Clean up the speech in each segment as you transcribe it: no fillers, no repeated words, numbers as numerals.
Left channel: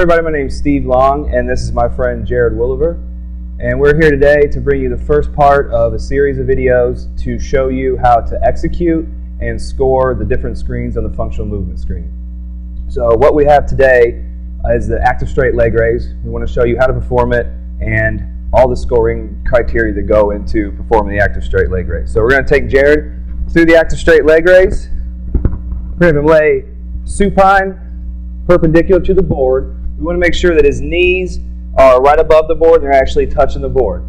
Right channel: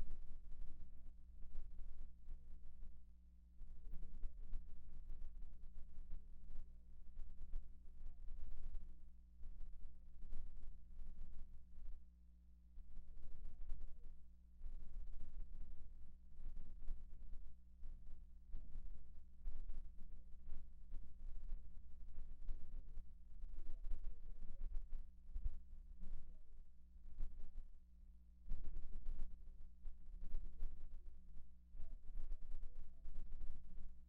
Everybody, my name is Steve Long, and this is my friend Jared Williver. And we're here today to bring you the first part of a series of videos to show you how to execute and score the different screens on the functional movement screen. So what we have today is the active straight leg raise. We want to show you how to perform it and all the scoring criteria that go into performing the active straight leg raise. So we're going to take Jared through the active straight leg raise. We're going to lay supine, perpendicular to the board. We want to make sure that his knees are right above the board and they're actually touching the board.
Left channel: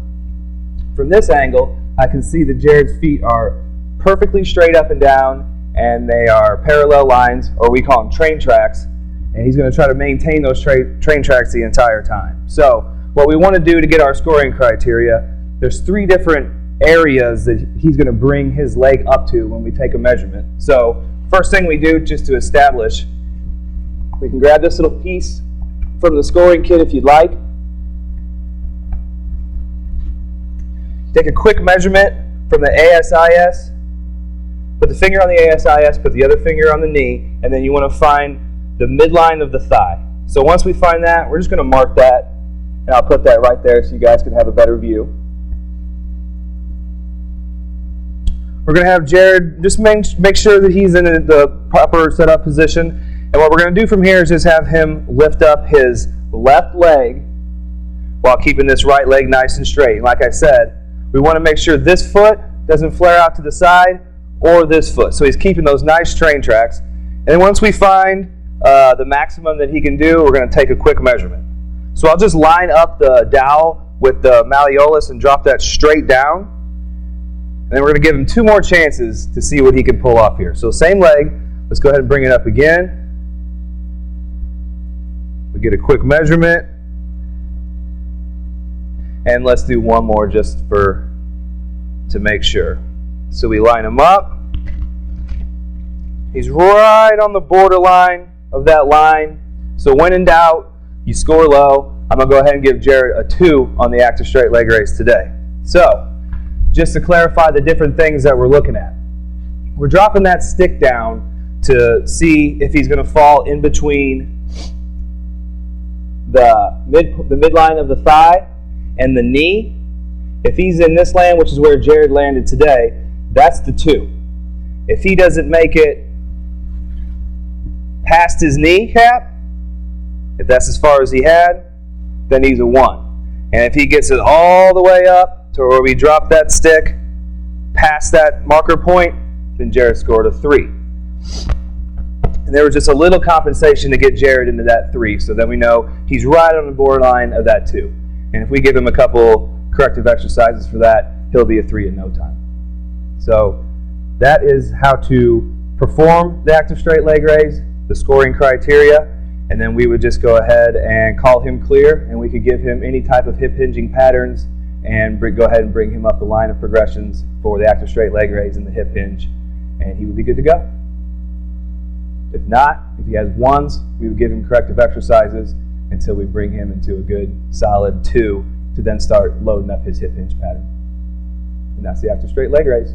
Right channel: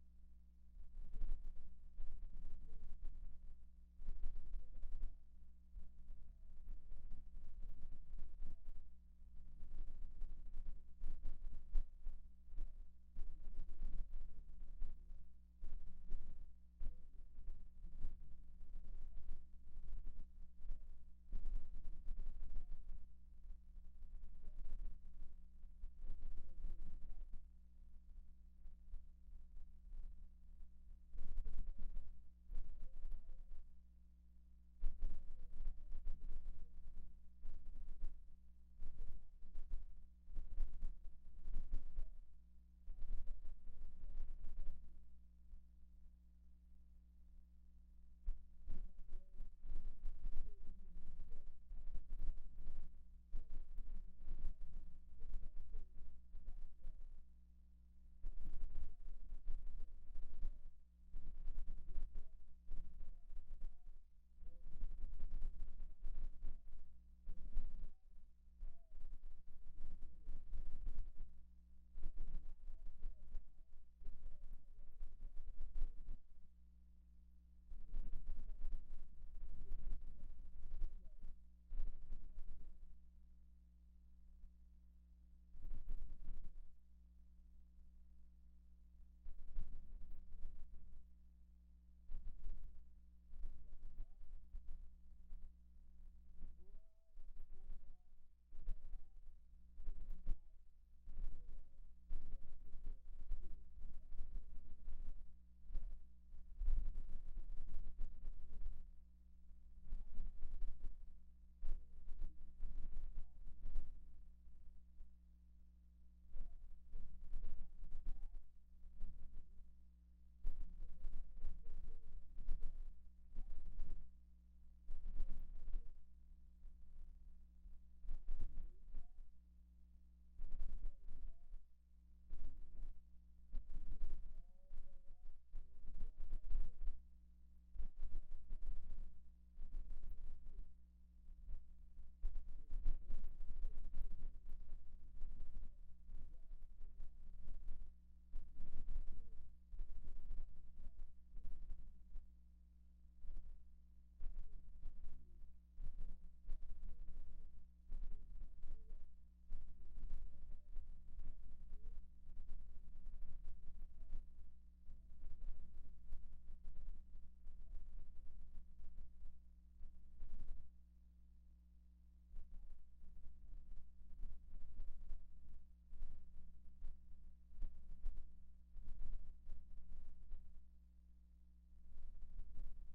From this angle, I can see that Jared's feet are perfectly straight up and down, and they are parallel lines, or we call them train tracks, and he's going to try to maintain those train tracks the entire time. So what we want to do to get our scoring criteria, there's three different areas that he's going to bring his leg up to when we take a measurement. So first thing we do, just to establish, we can grab this little piece from the scoring kit if you'd like. Take a quick measurement from the ASIS. Put the finger on the ASIS, put the other finger on the knee, and then you want to find the midline of the thigh. So once we find that, we're just going to mark that, and I'll put that right there so you guys can have a better view. We're going to have Jared just make sure that he's in the proper setup position. And what we're going to do from here is just have him lift up his left leg while keeping this right leg nice and straight. And like I said, we want to make sure this foot doesn't flare out to the side or this foot. So he's keeping those nice train tracks. And then once we find the maximum that he can do, we're going to take a quick measurement. So I'll just line up the dowel with the malleolus and drop that straight down. And then we're going to give him two more chances to see what he can pull off here. So same leg. Let's go ahead and bring it up again. We get a quick measurement. And let's do one more just to make sure. So we line him up. He's right on the borderline of that line. So when in doubt, you score low. I'm going to go ahead and give Jared a 2 on the active straight leg raise today. So just to clarify the different things that we're looking at. We're dropping that stick down to see if he's going to fall in between the midline of the thigh and the knee. If he's in this land, which is where Jared landed today, that's the 2. If he doesn't make it past his kneecap, if that's as far as he had, then he's a 1. And if he gets it all the way up to where we drop that stick past that marker point, then Jared scored a 3. And there was just a little compensation to get Jared into that 3, so then we know he's right on the borderline of that 2. And if we give him a couple corrective exercises for that, he'll be a 3 in no time. So that is how to perform the active straight leg raise, the scoring criteria, and then we would just go ahead and call him clear, and we could give him any type of hip hinging patterns and go ahead and bring him up the line of progressions for the active straight leg raise and the hip hinge, and he would be good to go. If not, if he has 1s, we would give him corrective exercises until we bring him into a good solid 2 to then start loading up his hip hinge pattern. And that's the active straight leg raise.